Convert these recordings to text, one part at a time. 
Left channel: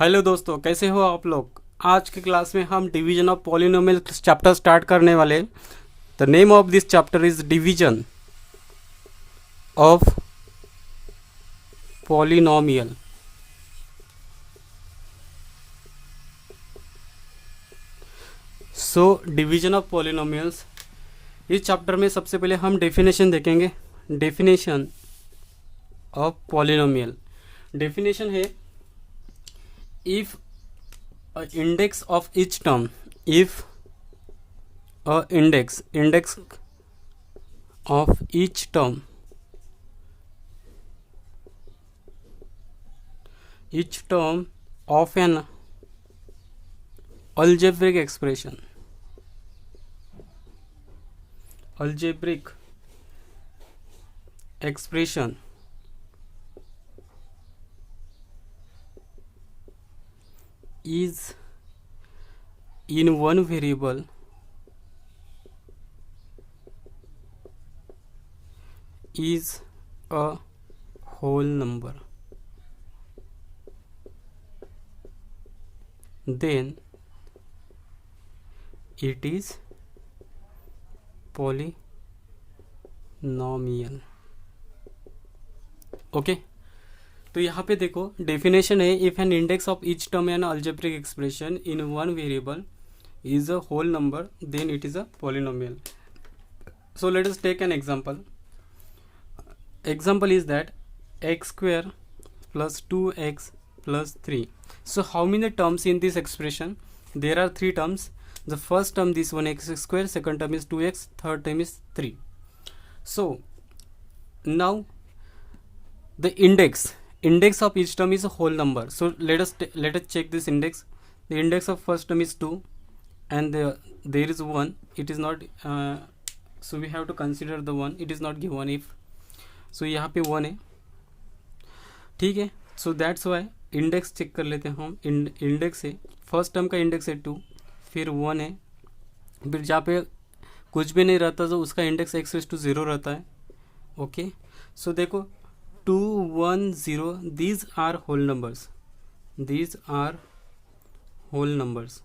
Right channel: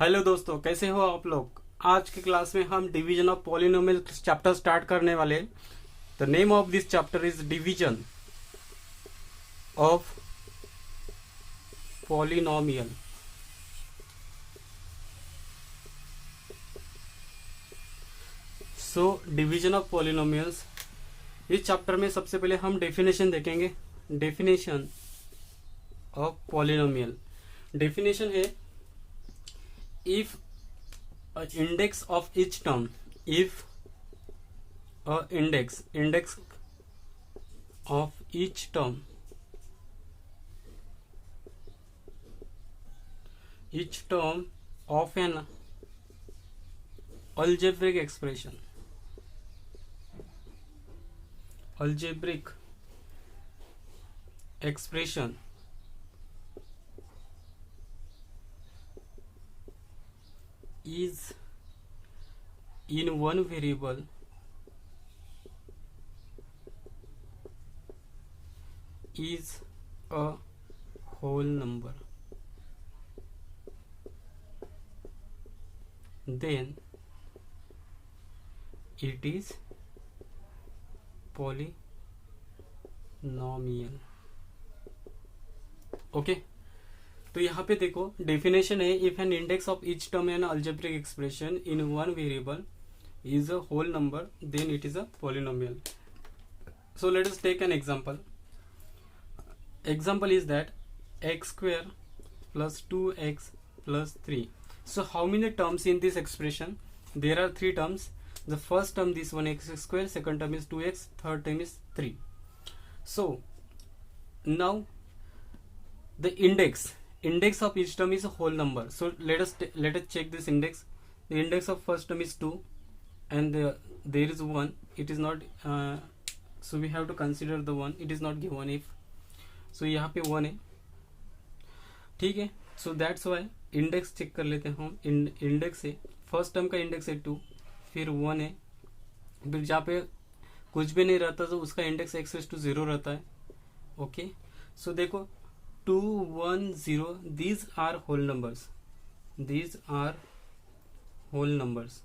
Hello दोस्तों, कैसे हो आप लोग। आज की क्लास में हम division of polynomial chapter start करने वाले। The name of this chapter is division of polynomial. So division of polynomials, इस चैप्टर में सबसे पहले हम डेफिनेशन देखेंगे। Definition of polynomial. डेफिनेशन है, if a index of each term, if a index of each term of an algebraic expression is in one variable is a whole number, then it is polynomial। Okay तो यहाँ पे देखो definition है, if an index of each term an algebraic expression in one variable is a whole number, then it is a polynomial. So let us take an example. Example is that x square plus 2x plus 3. So how many terms in this expression? There are three terms. The first term, this one, x square, second term is 2x, third term is 3. So now the index of each term is a whole number. So let us check this index. The index of first term is 2 and there is 1. It is not so we have to consider the 1. It is not given if, so यहाँ पे 1 है, ठीक है। So that's why index check कर लेते हैं हम। Index है, फर्स्ट टर्म का इंडेक्स है 2, फिर 1 है, फिर जहाँ पे कुछ भी नहीं रहता तो उसका इंडेक्स x⁻0 रहता है। ओके सो देखो 2 1 0, दीज आर होल नंबर्स।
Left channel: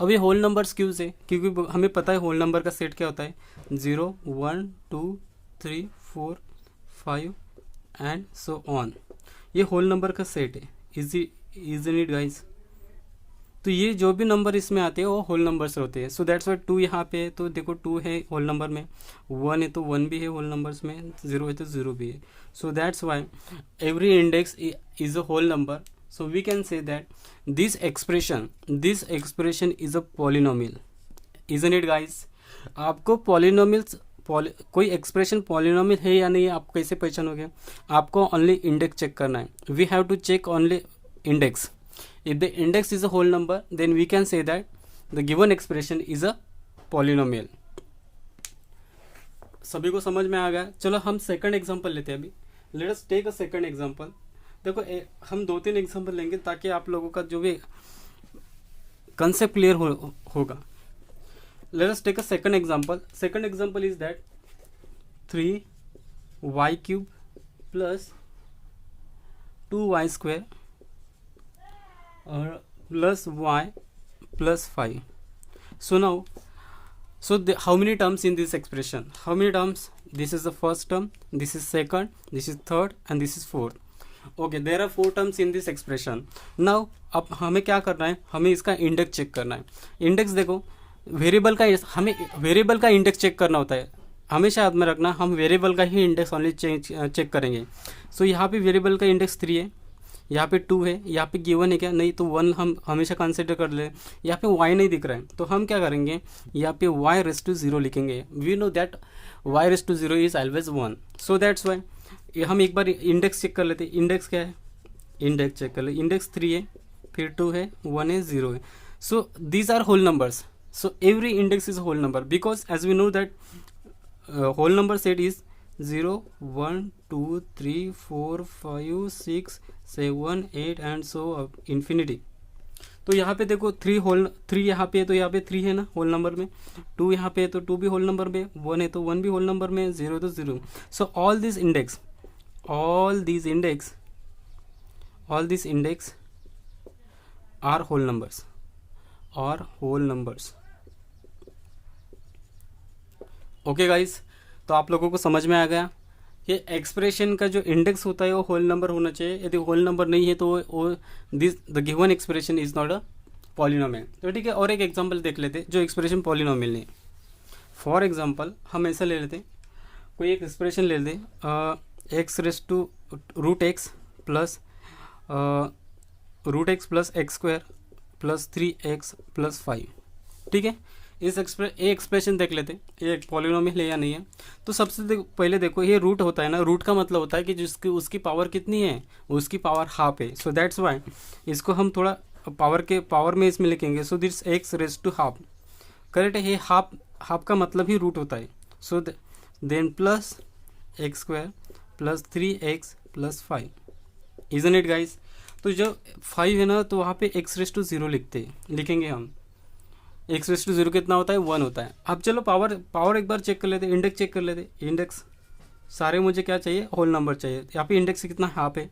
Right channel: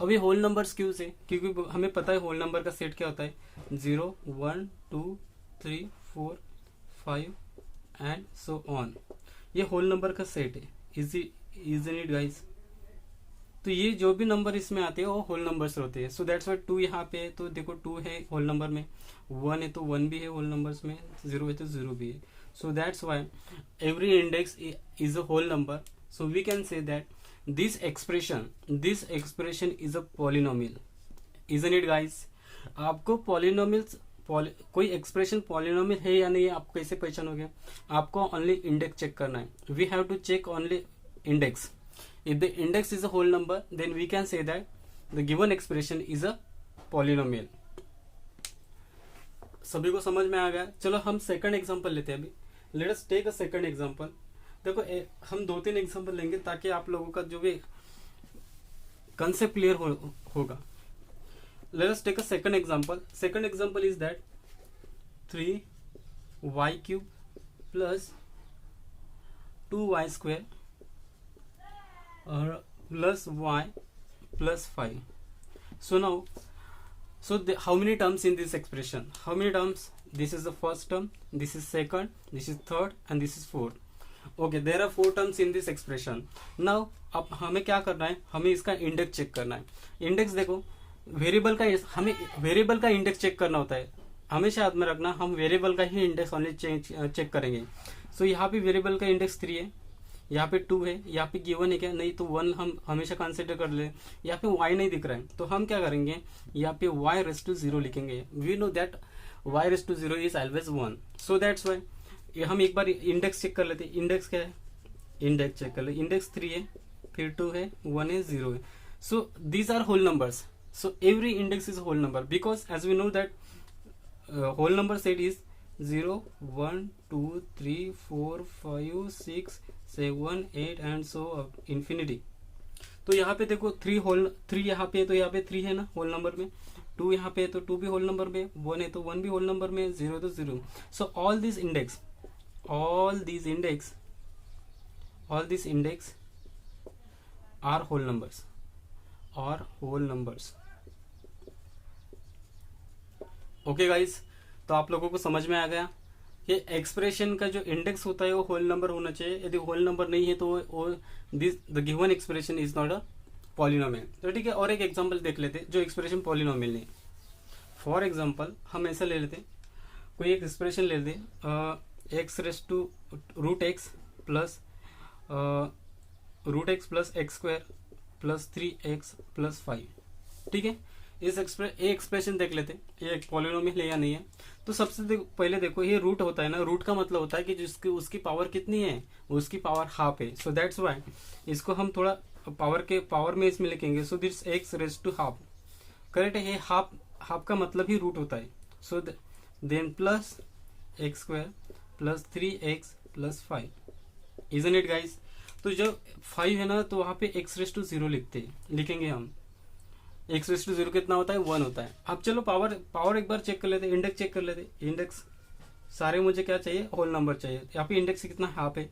अब ये होल नंबर्स क्यों से? क्योंकि हमें पता है होल नंबर का सेट क्या होता है, 0 1 2 3 4 5 एंड सो ऑन। ये होल नंबर का सेट है। Isn't it guys? तो ये जो भी नंबर इसमें आते हैं वो होल नंबर्स होते हैं। सो दैट्स वाई 2 यहाँ पे है, तो देखो 2 है होल नंबर में, 1 है तो 1 भी है होल नंबर्स में, 0 है तो 0 भी है। So that's why every index is a whole number. So we can say that this expression is a polynomial, isn't it guys? आपको polynomials कोई एक्सप्रेशन पॉलिनोमियल है या नहीं, आप कैसे पहचानोगे? आपको ओनली इंडेक्स चेक करना है। We have to check only index. If the index is a whole number then we can say that the given expression is a polynomial. सभी को समझ में आ गया? चलो हम सेकंड एग्जांपल लेते हैं अभी। Let us take a second example. देखो हम 2-3 एग्जांपल लेंगे ताकि आप लोगों का जो भी कंसेप्ट क्लियर होगा। Let us take a second example. Second example is that 3y³ plus 2y² और plus y plus 5। So now how many terms in this expression? How many terms? This is the first term, this is second, this is third and this is fourth. Okay there are 4 terms in this expression. Now अब हमें क्या करना है, हमें इसका index check करना है। Index देखो वेरिएबल का, हमें वेरिएबल का इंडेक्स चेक करना होता है। हमेशा याद में रखना, हम वेरिएबल का ही इंडेक्स ओनली चेक करेंगे। सो यहाँ पे वेरिएबल का इंडेक्स 3 है, यहाँ पे 2 है, यहाँ पे गिवन है क्या? नहीं, तो 1 हम हमेशा कंसिडर कर ले। यहाँ पे y नहीं दिख रहा है तो हम क्या करेंगे, यहाँ पे y⁻0 लिखेंगे। We know that y⁻0 is always 1। So that's why हम एक बार इंडेक्स चेक कर लेते हैं। इंडेक्स क्या है, इंडेक्स चेक कर ले। इंडेक्स 3 है, फिर 2 है, 1 है, 0 है। So these are whole numbers. So every index is whole number because as we know that whole number set is 0 1 2 3 4 5 6 7 8 and so infinity. तो यहाँ पे देखो 3 यहाँ पे है तो यहाँ पे 3 है ना होल नंबर में, 2 यहाँ पे है तो 2 भी होल नंबर में, 1 है तो 1 भी होल नंबर में, 0 तो 0। सो all these index all these index are whole numbers, or whole numbers. Okay guys, तो आप लोगों को समझ में आ गया कि एक्सप्रेशन का जो इंडेक्स होता है वो होल नंबर होना चाहिए. यदि होल नंबर नहीं है तो वो this the given expression is not a polynomial. तो ठीक है, और एक एग्जांपल देख लेते जो एक्सप्रेशन पॉलिनोमियल नहीं. फॉर एग्जांपल हम ऐसा ले लेते, कोई एक एक्सप्रेशन ले लेते x raise to root x plus x square plus 3x plus 5. ठीक है, इस एक्सप्रेशन देख लेते ये एक पॉलिनोमियल है या नहीं है. तो सबसे पहले देखो, ये रूट होता है ना, रूट का मतलब होता है कि जिसकी उसकी पावर कितनी है, उसकी पावर हाफ है. सो दैट्स वाई इसको हम थोड़ा पावर में इसमें लिखेंगे. So this x raise to half, correct है. ये हाफ का मतलब ही रूट होता है. So then plus x square plus 3x plus 5. Isn't it guys? तो जो 5 है ना, तो वहाँ पे एक्स रेस टू 0 लिखेंगे हम. एक्स रेस टू 0 कितना होता है, 1 होता है. अब चलो पावर एक बार चेक कर लेते, इंडेक्स चेक कर लेते. इंडेक्स सारे मुझे क्या चाहिए, होल नंबर चाहिए. यहाँ पे इंडेक्स कितना हाफ है,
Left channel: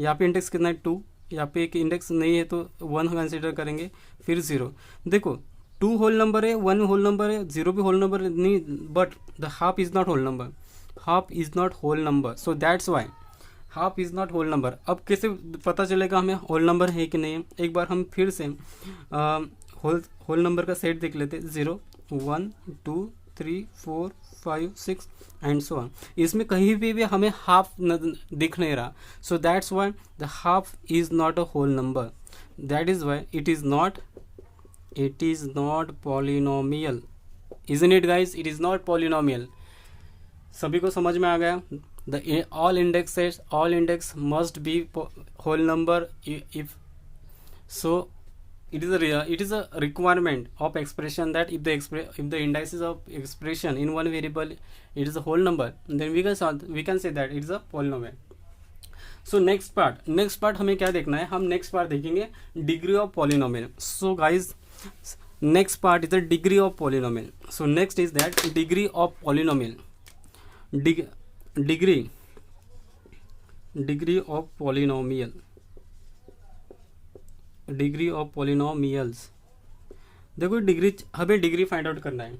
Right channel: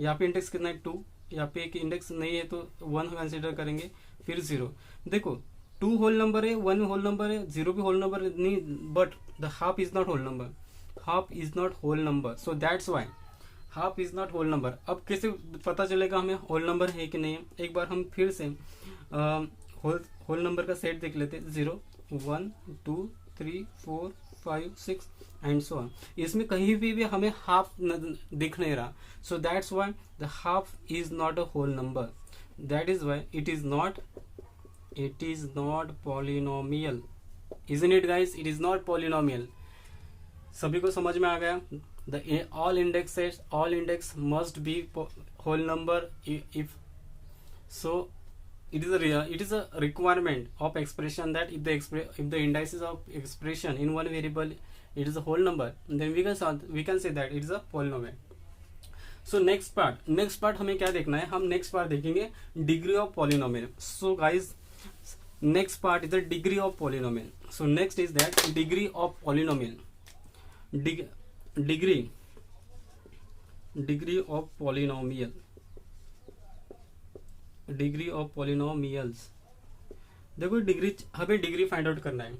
यहाँ पे इंडेक्स कितना है 2, यहाँ पे एक इंडेक्स नहीं है तो 1 कंसिडर करेंगे, फिर 0. देखो 2 होल नंबर है, 1 होल नंबर है, 0 भी होल नंबर नहीं, but the half is not whole number. Half is not whole number. So that's why half is not whole number. अब कैसे पता चलेगा हमें होल नंबर है कि नहीं? एक बार हम फिर से होल नंबर का सेट देख लेते. 0 1 2 3 4 5 6 एंड सो ऑन. इसमें कहीं भी हमें हाफ दिख नहीं रहा. So that's why the half is not a whole number. That is why it is not polynomial. Isn't it guys? It is not polynomial. सभी को समझ में आ गया? The all index must be whole number. If so, it is a requirement of expression that if the indices of expression in one variable it is a whole number, then we can say that it is a polynomial. So next part हमें क्या देखना है? हम next part देखेंगे degree of polynomial. So guys, next part is the degree of polynomial. So next is that degree of polynomial. Degree of polynomial. Degree of polynomials. देखो हमें degree find out करना है.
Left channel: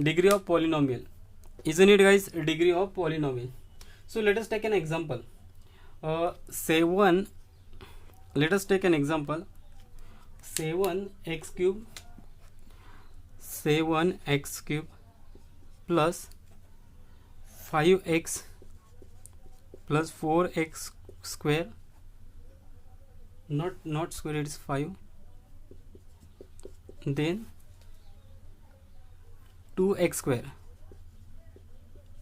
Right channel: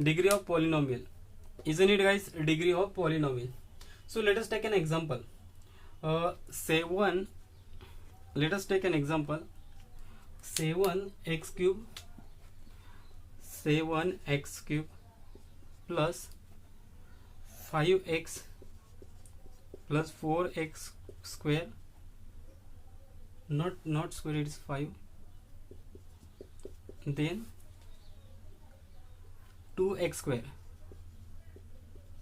Degree of polynomial. Isn't it guys? Degree of polynomial. So let us take an example. Let us take an example. 7x cube plus 5x plus 4x square, not square, it is 5, then 2x square.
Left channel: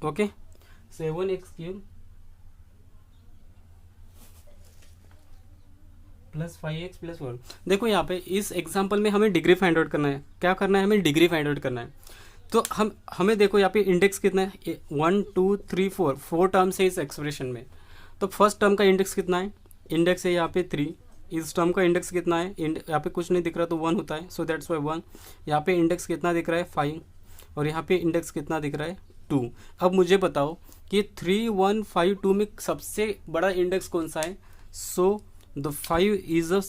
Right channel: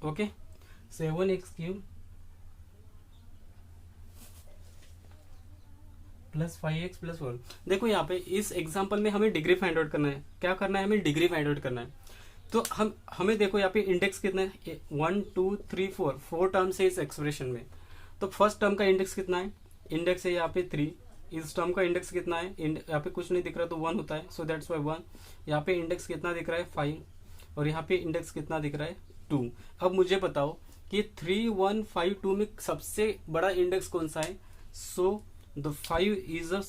Okay, 7x cube plus 5x plus 4. देखो यहाँ पे इस example में हमें degree find out करना है. क्या करना है? हमें डिग्री फाइंड आउट करना है. तो हमें देखो यहाँ पे इंडेक्स कितना है, 1 2 3 4 टर्म्स है इस एक्सप्रेशन में. तो फर्स्ट टर्म का इंडेक्स कितना है? इंडेक्स है यहाँ पे 3. इस टर्म का इंडेक्स कितना है? यहाँ पे कुछ नहीं दिख रहा तो 1 होता है. So that's Y 1. यहाँ पे इंडेक्स कितना दिख रहा है? 5. और यहाँ पे इंडेक्स कितना दिख रहा है? 2. अब मुझे बताओ कि 3 1 5 2 में सबसे बड़ा इंडेक्स कौन सा है? So the 5 is a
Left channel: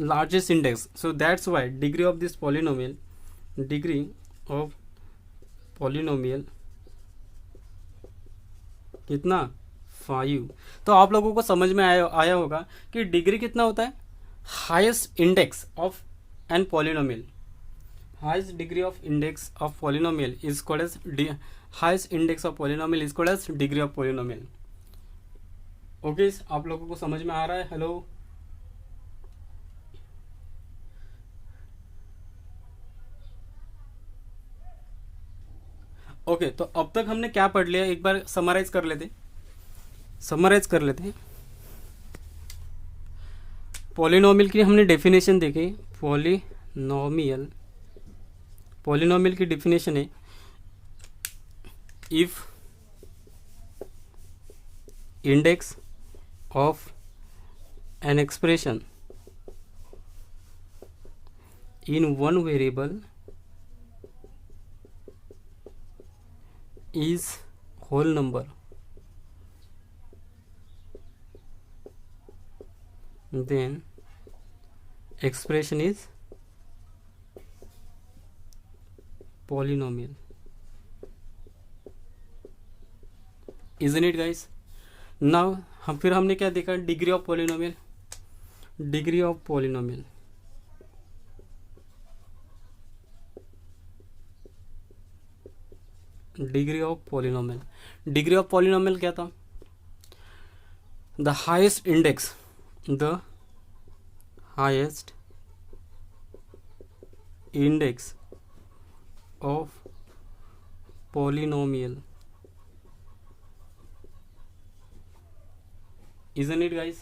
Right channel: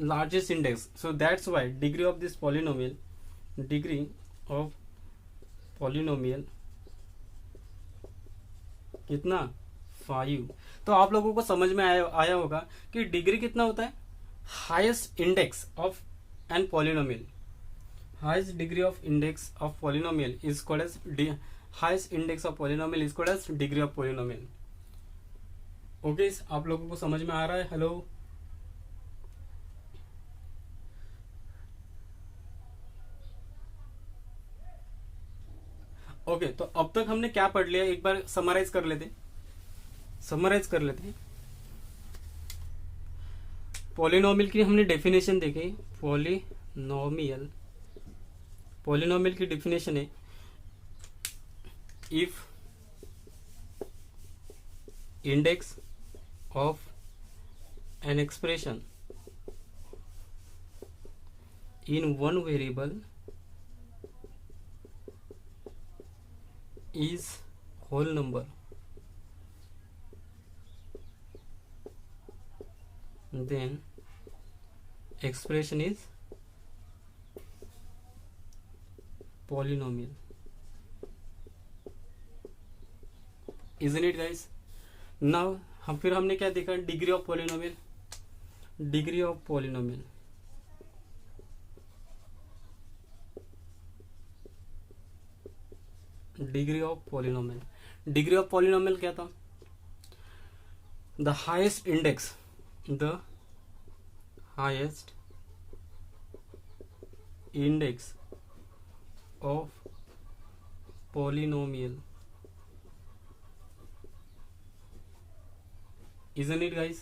largest index. So that's Y degree of this polynomial, degree of polynomial कितना? 5. तो आप लोगों को समझ में आया होगा कि डिग्री कितना होता है? Highest index of an polynomial. Highest degree of index of polynomial is called as highest index of polynomial is called as degree of polynomial. Okay, आप लोगों को समझ में आ रहा है? Hello, okay. तो अब तक हमने क्या पढ़ लिया, एक बार समराइज कर लेते हैं. पॉलिनोमियल की हमने डेफिनेशन देखी. पॉलिनोमियल की डेफिनेशन है, if index of an expression in one variable is whole number, then expression is polynomial. Isn't it guys? Now फिर हमने क्या देखा, degree of polynomial. Degree of polynomial, degree of polynomial, degree of polynomial क्या था? The highest index, the highest index of polynomial. Isn't it guys?